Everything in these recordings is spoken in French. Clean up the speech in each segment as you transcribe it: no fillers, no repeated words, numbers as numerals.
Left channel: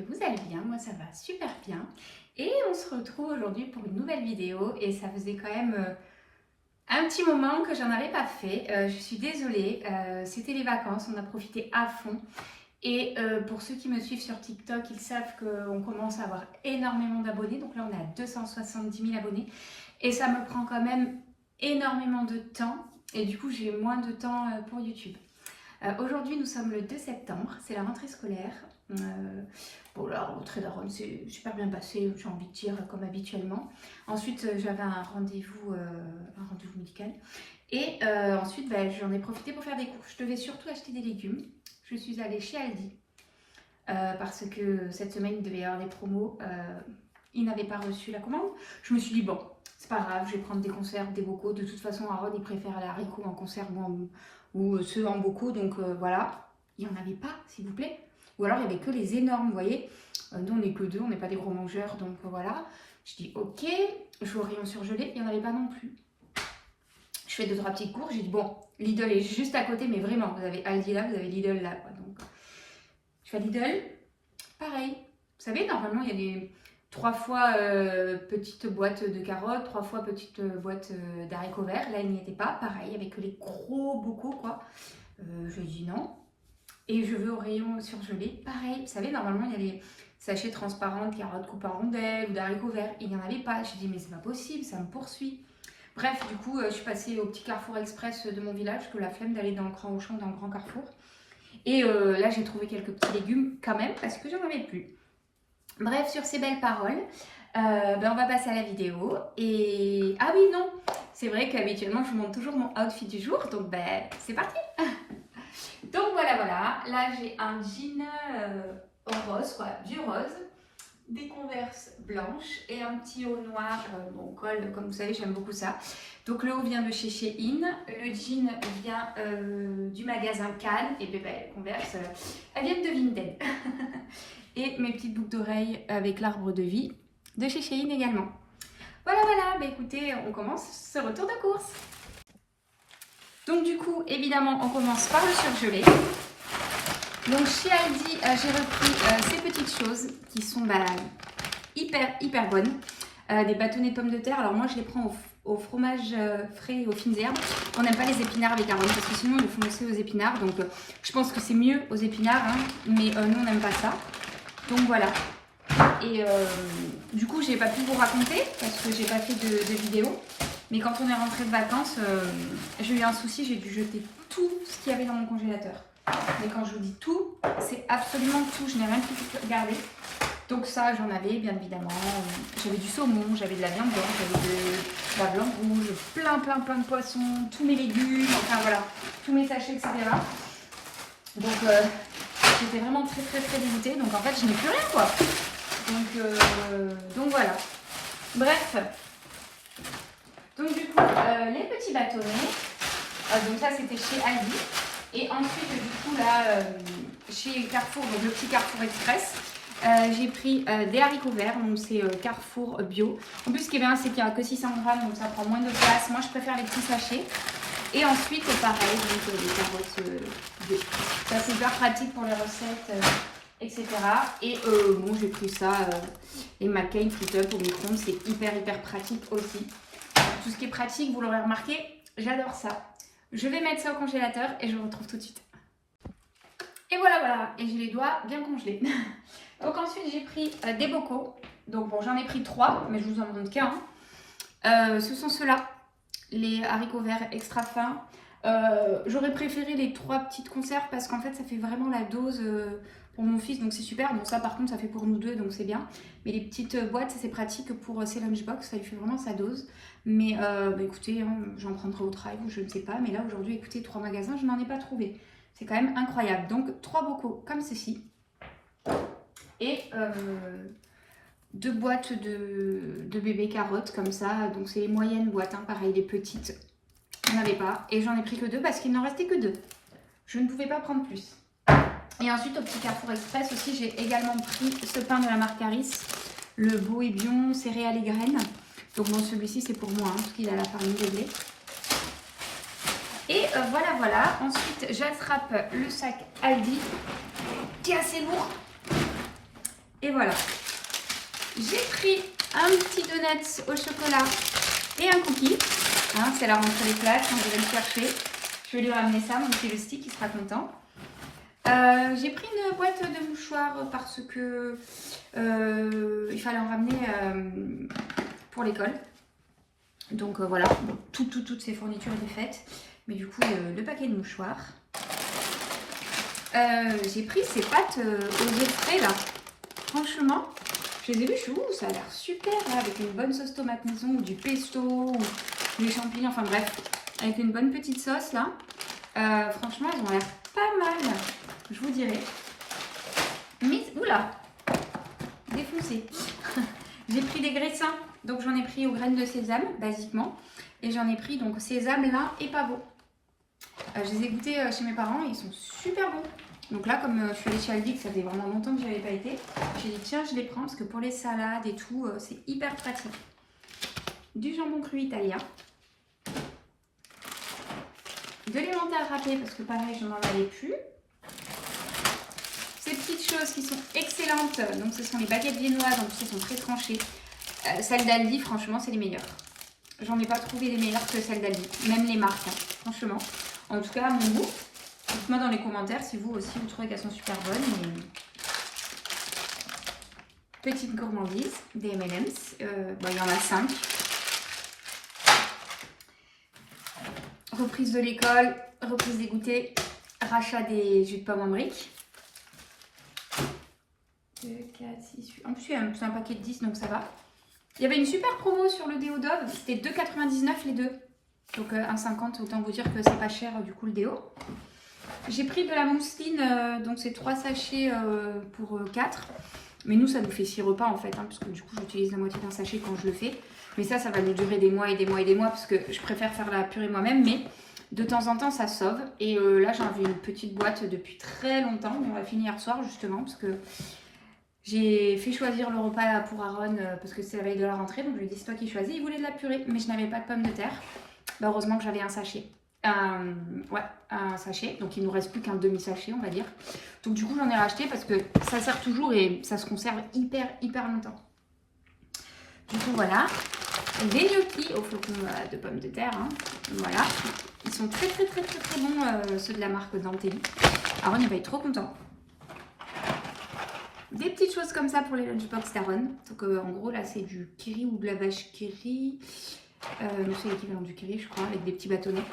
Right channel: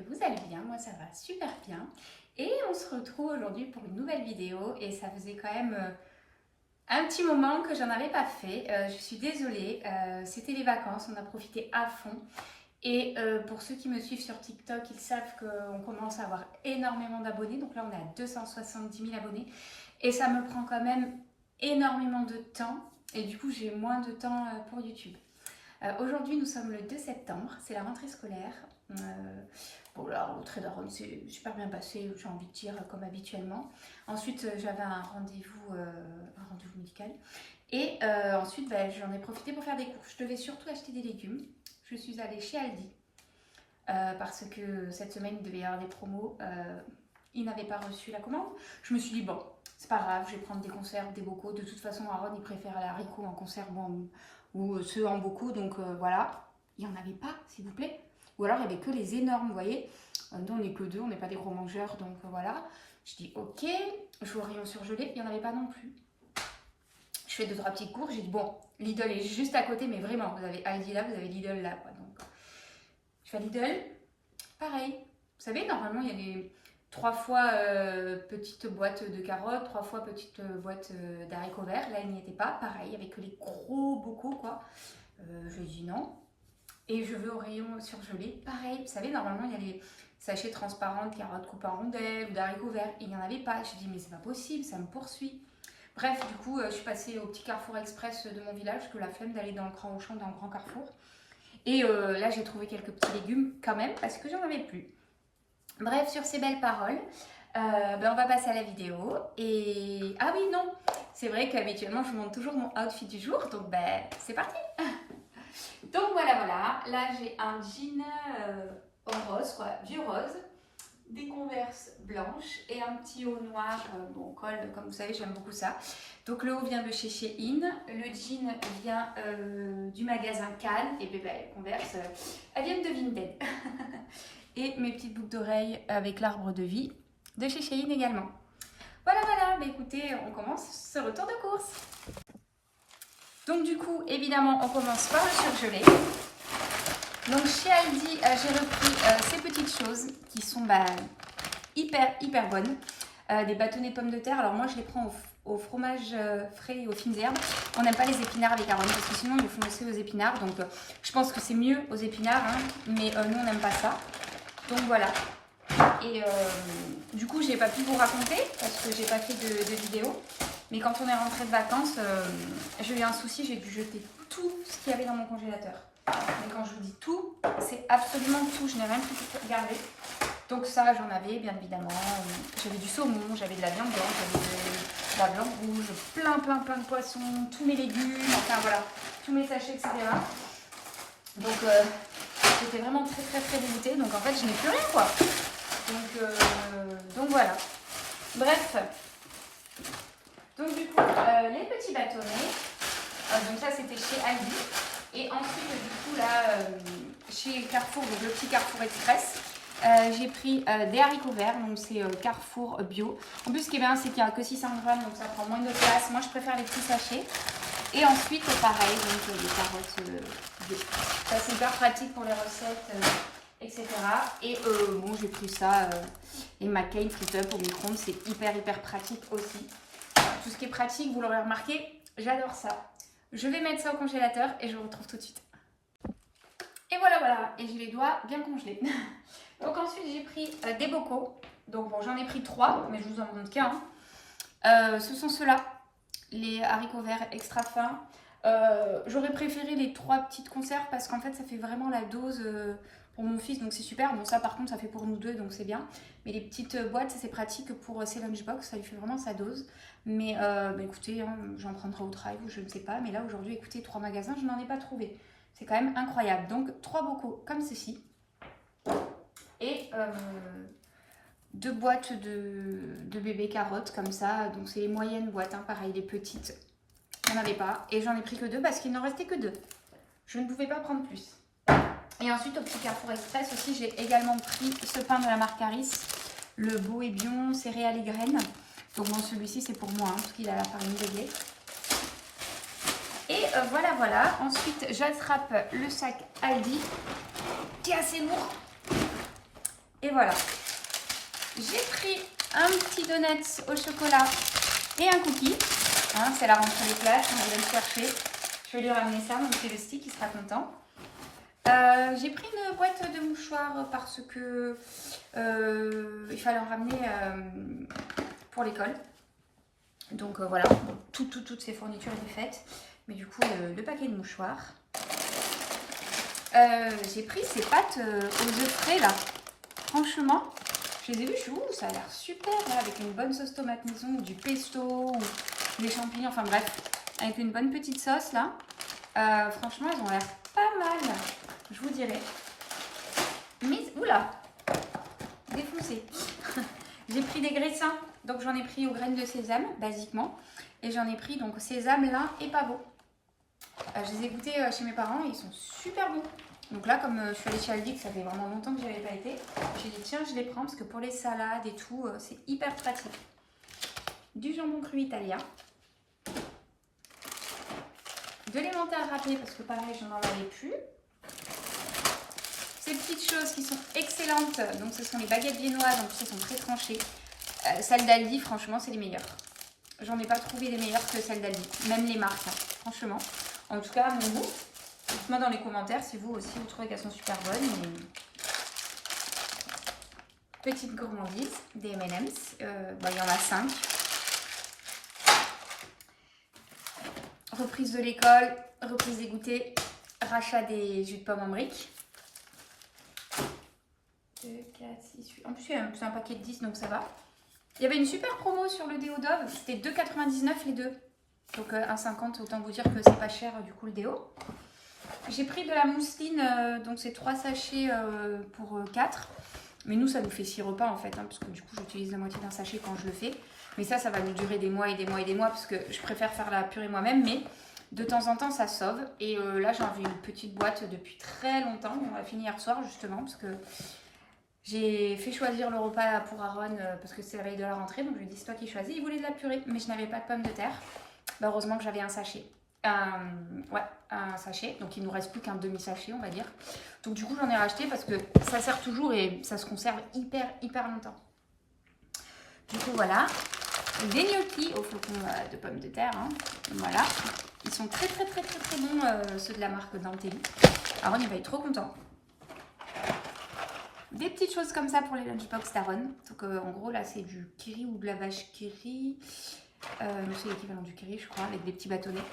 que vous allez bien, moi ça va super bien. Et on se retrouve aujourd'hui pour une nouvelle vidéo et ça faisait quand même un petit moment que j'en avais pas fait. Je suis désolée, c'était les vacances, on a profité à fond. Et pour ceux qui me suivent sur TikTok, ils savent qu'on commence à avoir énormément d'abonnés. Donc là on est à 270 000 abonnés et ça me prend quand même énormément de temps. Et du coup j'ai moins de temps pour YouTube. Aujourd'hui, nous sommes le 2 septembre, c'est la rentrée scolaire. Bon, la rentrée d'Aaron s'est super bien passée, j'ai envie de dire, comme habituellement. Ensuite, j'avais un rendez-vous médical. Et ensuite, j'en ai profité pour faire des courses. Je devais surtout acheter des légumes. Je suis allée chez Aldi parce que cette semaine, il devait y avoir des promos. Il n'avait pas reçu la commande. Je me suis dit, bon, c'est pas grave, je vais prendre des conserves, des bocaux. De toute façon, Aaron, il préfère les haricots en conserve ou ceux en bocaux. Donc voilà, il n'y en avait pas, s'il vous plaît. Ou alors, il n'y avait que les énormes, vous voyez. Nous, on n'est que deux, on n'est pas des gros mangeurs. Donc voilà, je dis, ok, je vais au rayon surgelé. Il n'y en avait pas non plus. Je fais 2-3 petites courses. J'ai dit, bon, Lidl est juste à côté, mais vraiment, vous avez Aldi là, vous avez Lidl là, quoi. Donc, je fais à Lidl, pareil. Vous savez, normalement, il y a les 3 fois petite boîte de carottes, 3 fois petite boîte d'haricots verts. Là, il n'y était pas. Pareil, avec les gros bocaux, quoi. Je dis non. Et je vais au rayon surgelé. Pareil, vous savez, normalement, il y a les sachets transparents de carottes coupées en rondelles ou d'haricots verts. Il n'y en avait pas. J'ai dit, mais c'est pas possible, ça me poursuit. Bref, du coup, je suis passée au petit Carrefour Express de mon village, que la flemme d'aller dans le Grand Auchan, dans le Grand Carrefour. Et là, j'ai trouvé quelques petits légumes quand même, parce que j'en avais plus. Bref, sur ces belles paroles, on va passer à la vidéo. Et ah oui, non, c'est vrai qu'habituellement, je vous montre toujours mon outfit du jour. Donc, c'est parti. Donc voilà, là j'ai un jean rose, quoi, du rose, des converses blanches et un petit haut noir, bon col, comme vous savez j'aime beaucoup ça. Donc le haut vient de chez Shein, le jean vient du magasin Cannes et les converses, elles viennent de Vinted. Et mes petites boucles d'oreilles avec l'arbre de vie de chez Shein également. Voilà, écoutez, on commence ce retour de course. Donc du coup, évidemment, on commence par le surgelé. Donc chez Aldi, j'ai repris ces petites choses qui sont hyper bonnes. Des bâtonnets de pommes de terre. Alors moi, je les prends au fromage frais et aux fines herbes. On n'aime pas les épinards avec Aaron parce que sinon, ils le font aussi aux épinards. Donc je pense que c'est mieux aux épinards, hein, mais nous, on n'aime pas ça. Donc voilà. Et du coup, j'ai pas pu vous raconter parce que j'ai pas fait de vidéo. Mais quand on est rentré de vacances, j'ai eu un souci, j'ai dû jeter tout ce qu'il y avait dans mon congélateur. Mais quand je vous dis tout, c'est absolument tout, je n'ai rien pu garder. Donc ça, j'en avais bien évidemment. J'avais du saumon, j'avais de la viande blanche, j'avais de la viande rouge, plein de poissons, tous mes légumes, enfin voilà, tous mes sachets, etc. Donc j'étais vraiment très dégoûtée. Donc en fait, je n'ai plus rien, quoi. Donc voilà. Bref. Donc du coup, les petits bâtonnets, donc ça c'était chez Aldi. Et ensuite, du coup, là, chez Carrefour, donc le petit Carrefour Express, j'ai pris des haricots verts, donc c'est Carrefour Bio. En plus, ce qui est bien, c'est qu'il n'y a que 600 grammes, donc ça prend moins de place. Moi, je préfère les petits sachets. Et ensuite, pareil, donc des carottes bio. Ça, c'est hyper pratique pour les recettes, etc. Et bon, j'ai pris ça, les McCain Flip-Up au micro-ondes, c'est hyper pratique aussi. Tout ce qui est pratique, vous l'aurez remarqué, j'adore ça. Je vais mettre ça au congélateur et je vous retrouve tout de suite. Et voilà, et j'ai les doigts bien congelés. Donc ensuite, j'ai pris des bocaux. Donc bon, j'en ai pris 3, mais je vous en montre qu'un. Ce sont ceux-là, les haricots verts extra fins. J'aurais préféré les 3 petites conserves parce qu'en fait, ça fait vraiment la dose pour mon fils, donc c'est super. Bon, ça par contre, ça fait pour nous deux, donc c'est bien. Mais les petites boîtes, ça c'est pratique pour ses lunchbox, ça lui fait vraiment sa dose. Mais écoutez, hein, j'en prendrai au travail, je ne sais pas. Mais là, aujourd'hui, écoutez, 3 magasins, je n'en ai pas trouvé. C'est quand même incroyable. Donc, 3 bocaux comme ceci. Et 2 boîtes de bébé carottes comme ça. Donc, c'est les moyennes boîtes, hein, pareil, les petites. Il n'y en avait pas. Et j'en ai pris que 2 parce qu'il n'en restait que 2. Je ne pouvais pas prendre plus. Et ensuite, au petit Carrefour Express aussi, j'ai également pris ce pain de la marque Harris, le Boébion céréales et graines. Donc bon, celui-ci c'est pour moi, hein, parce qu'il a la farine de blé. Et voilà. Ensuite, j'attrape le sac Aldi, qui est assez lourd. Et voilà. J'ai pris un petit donut au chocolat et un cookie. Hein, c'est la rentrée des classes, on va le chercher. Je vais lui ramener ça, mon petit Lusty qui sera content. J'ai pris une boîte de mouchoirs parce que il fallait en ramener pour l'école. Donc voilà, bon, toutes ces fournitures étaient faites. Mais du coup, le paquet de mouchoirs. J'ai pris ces pâtes aux œufs frais là. Franchement, je les ai vues, je suis où ça a l'air super là, avec une bonne sauce tomate maison ou du pesto ou des champignons, enfin bref, avec une bonne petite sauce là. Franchement, elles ont l'air pas mal, je vous dirai. Mais, oula, défoncé. J'ai pris des graissins, donc j'en ai pris aux graines de sésame, basiquement. Et j'en ai pris donc sésame, lin et pavot. Je les ai goûtés chez mes parents et ils sont super bons. Donc là, comme je suis allée chez Aldi, que ça fait vraiment longtemps que je n'y avais pas été, j'ai dit tiens, je les prends parce que pour les salades et tout, c'est hyper pratique. Du jambon cru italien. De l'emmental râpé parce que pareil, je n'en avais plus. Ces petites choses qui sont excellentes, donc ce sont les baguettes viennoises, donc elles sont très tranchées. Celles d'Aldi, franchement, c'est les meilleures. J'en ai pas trouvé les meilleures que celles d'Aldi, même les marques, hein, franchement. En tout cas, à mon goût. Dites-moi dans les commentaires si vous aussi vous trouvez qu'elles sont super bonnes. Mais... Petite gourmandise, des M&M's. Il y en a 5. Reprise de l'école, reprise des goûters, rachat des jus de pommes en briques. 2, 4, 6, 8. En plus, c'est un paquet de 10, donc ça va. Il y avait une super promo sur le déo Dove. C'était 2,99 les deux. Donc 1,50, autant vous dire que c'est pas cher du coup le déo. J'ai pris de la mousseline, donc c'est 3 sachets pour 4. Mais nous, ça nous fait 6 repas en fait, hein, parce que du coup, j'utilise la moitié d'un sachet quand je le fais. Mais ça va nous durer des mois et des mois et des mois, parce que je préfère faire la purée moi-même. Mais de temps en temps, ça sauve. Et là, j'avais une petite boîte depuis très longtemps. On l'a fini hier soir, justement, parce que j'ai fait choisir le repas pour Aaron, parce que c'est la veille de la rentrée. Donc, je lui ai dit, c'est toi qui choisis. Il voulait de la purée, mais je n'avais pas de pommes de terre. Bah, heureusement que j'avais un sachet. Un sachet, donc il nous reste plus qu'un demi-sachet on va dire. Donc du coup j'en ai racheté parce que ça sert toujours et ça se conserve hyper longtemps. Du coup voilà, des gnocchis au flocon de pommes de terre, hein. Voilà, ils sont très bons, ceux de la marque Dantelli. Aaron il va être trop content. Des petites choses comme ça pour les lunchbox d'Aaron. Donc en gros là c'est du kiri ou de la vache kiri. C'est l'équivalent du kiri je crois, avec des petits bâtonnets.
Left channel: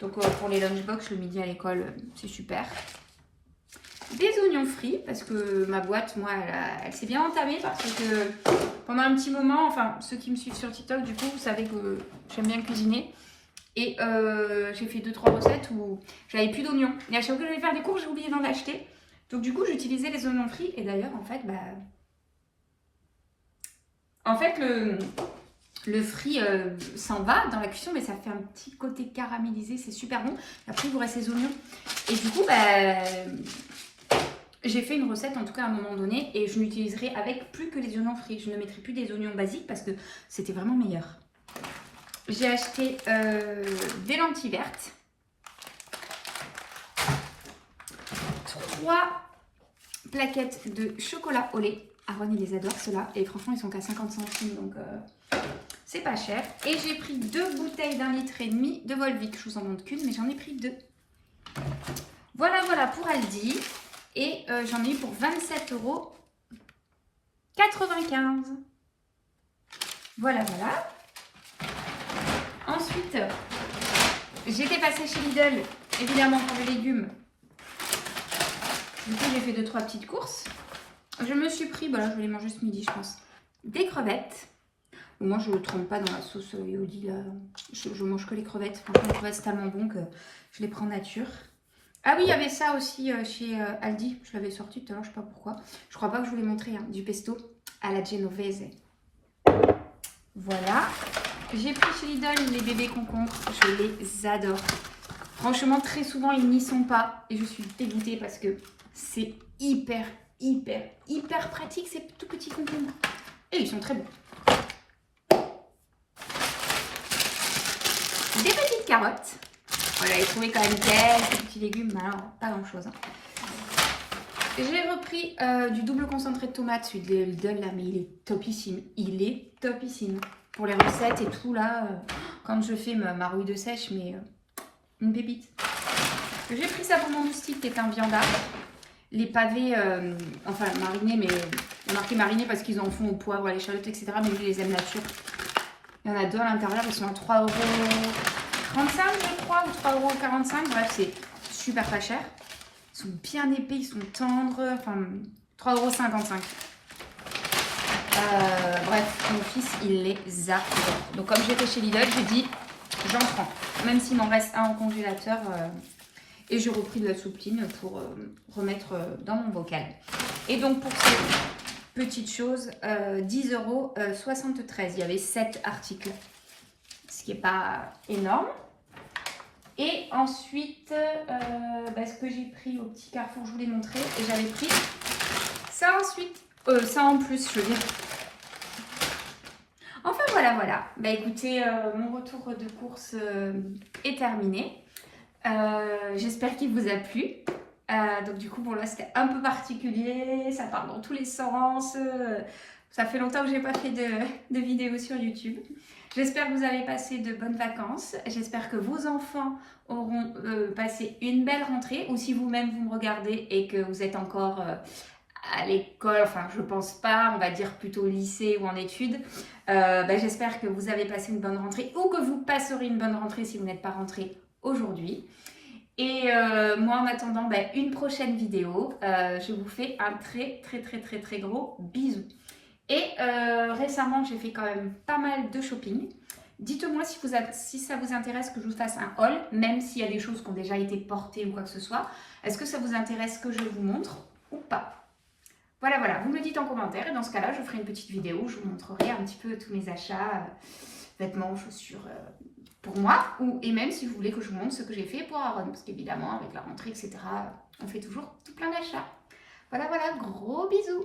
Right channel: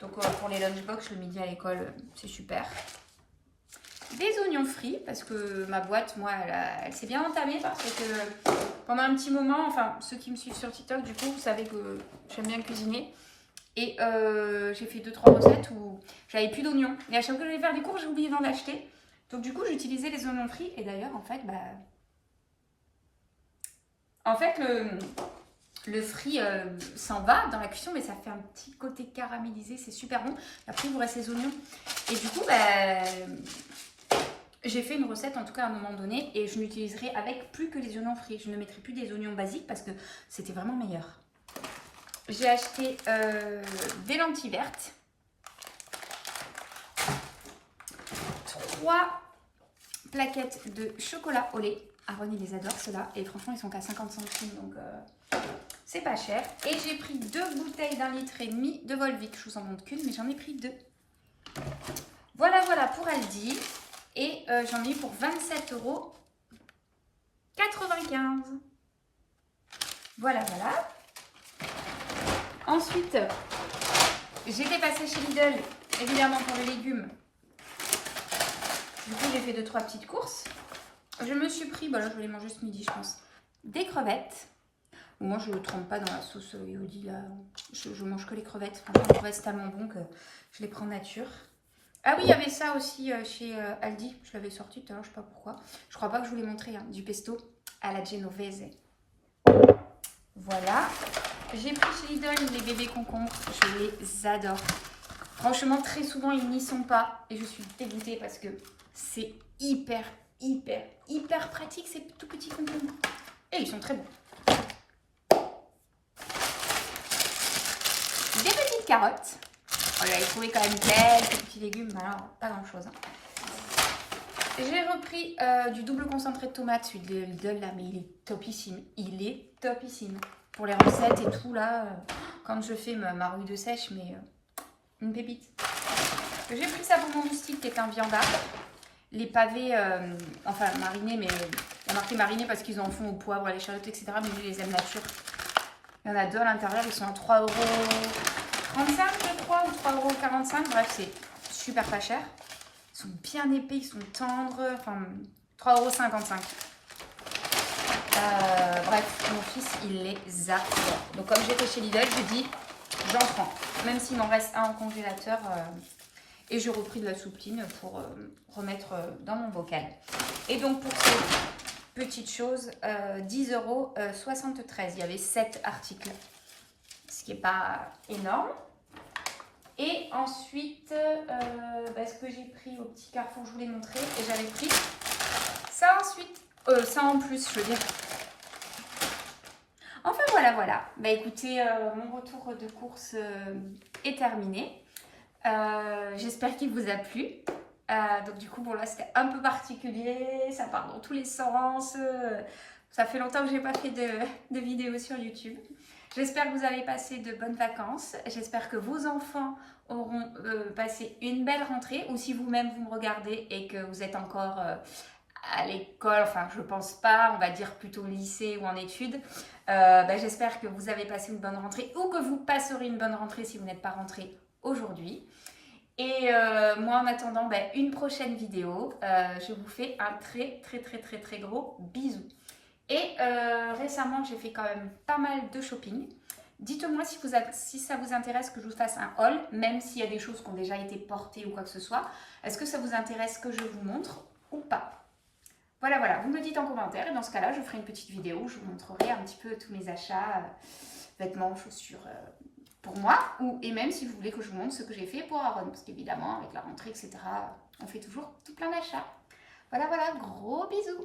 Donc pour les lunchbox le midi à l'école, c'est super. Des oignons frits, parce que ma boîte, moi, elle s'est bien entamée parce que pendant un petit moment, enfin ceux qui me suivent sur TikTok, du coup, vous savez que j'aime bien cuisiner. Et j'ai fait 2-3 recettes où j'avais plus d'oignons. Et à chaque fois que j'allais faire des courses, j'ai oublié d'en acheter. Donc du coup, j'utilisais les oignons frits. Et d'ailleurs, en fait, le frit s'en va dans la cuisson, mais ça fait un petit côté caramélisé, c'est super bon. Après, il vous reste les oignons. Et du coup, j'ai fait une recette, en tout cas à un moment donné, et je n'utiliserai avec plus que les oignons frits. Je ne mettrai plus des oignons basiques parce que c'était vraiment meilleur. J'ai acheté des lentilles vertes. 3 plaquettes de chocolat au lait. Aaron, il les adore, ceux-là. Et franchement, ils sont qu'à 50 centimes, donc... c'est pas cher. Et j'ai pris 2 bouteilles d'1,5 litre de Volvic. Je vous en montre qu'une, mais j'en ai pris 2. Voilà pour Aldi. Et j'en ai eu pour 27,95 €. Voilà. Ensuite, j'étais passée chez Lidl, évidemment pour les légumes. Du coup, j'ai fait 2-3 petites courses. Je me suis pris, là je vais les manger ce midi, je pense, des crevettes. Moi, je ne trempe pas dans la sauce Yodi, là. Je mange que les crevettes. Franchement, les crevettes, c'est tellement bon que je les prends nature. Ah oui, il y avait ça aussi chez Aldi. Je l'avais sorti tout à l'heure, je ne sais pas pourquoi. Je crois pas que je vous l'ai montré, hein, du pesto à la genovese. Voilà. J'ai pris chez Lidl les bébés concombres. Je les adore. Franchement, très souvent, ils n'y sont pas. Et je suis dégoûtée parce que c'est hyper pratique, ces tout petits concombres. Et ils sont très bons. Des petites carottes. Voilà, j'ai trouvé quand même quelques petits légumes, mais alors pas grand chose. Hein. J'ai repris du double concentré de tomate, celui de Lidl là, mais il est topissime. Il est topissime. Pour les recettes et tout là, quand je fais ma rouille de sèche, mais une pépite. J'ai pris ça pour mon moustique qui est un viandard. Les pavés, enfin marinés, mais il y a marqué marinés parce qu'ils en font au poivre, à l'échalote, etc. Mais je les aime nature. Il y en a deux à l'intérieur, ils sont à 3,35 € je crois, ou 3,45 €. Bref, c'est super pas cher. Ils sont bien épais, ils sont tendres. Enfin, 3,55 €. Bref, mon fils, il les adore. Donc, comme j'étais chez Lidl, j'ai dit, j'en prends. Même s'il m'en reste un en congélateur. Et j'ai repris de la soupline pour remettre dans mon bocal. Et donc, pour cette petite chose, 10,73 €. Il y avait 7 articles, ce qui n'est pas énorme. Et ensuite, ce que j'ai pris au petit Carrefour, je vous l'ai montré. Et j'avais pris ça ensuite. Ça en plus, je veux dire. Enfin, voilà. Bah écoutez, mon retour de course est terminé. J'espère qu'il vous a plu. Donc du coup, bon là, c'était un peu particulier. Ça part dans tous les sens. Ça fait longtemps que j'ai pas fait de vidéos sur YouTube. J'espère que vous avez passé de bonnes vacances. J'espère que vos enfants auront passé une belle rentrée. Ou si vous-même, vous me regardez et que vous êtes encore à l'école, enfin je pense pas, on va dire plutôt lycée ou en études. J'espère que vous avez passé une bonne rentrée ou que vous passerez une bonne rentrée si vous n'êtes pas rentré aujourd'hui. Et moi en attendant une prochaine vidéo, je vous fais un très gros bisou. Et récemment j'ai fait quand même pas mal de shopping. Dites-moi si ça vous intéresse que je vous fasse un haul, même s'il y a des choses qui ont déjà été portées ou quoi que ce soit. Est-ce que ça vous intéresse que je vous montre ou pas? Voilà, vous me le dites en commentaire et dans ce cas-là, je ferai une petite vidéo où je vous montrerai un petit peu tous mes achats, vêtements, chaussures pour moi, et même si vous voulez que je vous montre ce que j'ai fait pour Aaron, parce qu'évidemment, avec la rentrée, etc., on fait toujours tout plein d'achats. Voilà, gros bisous!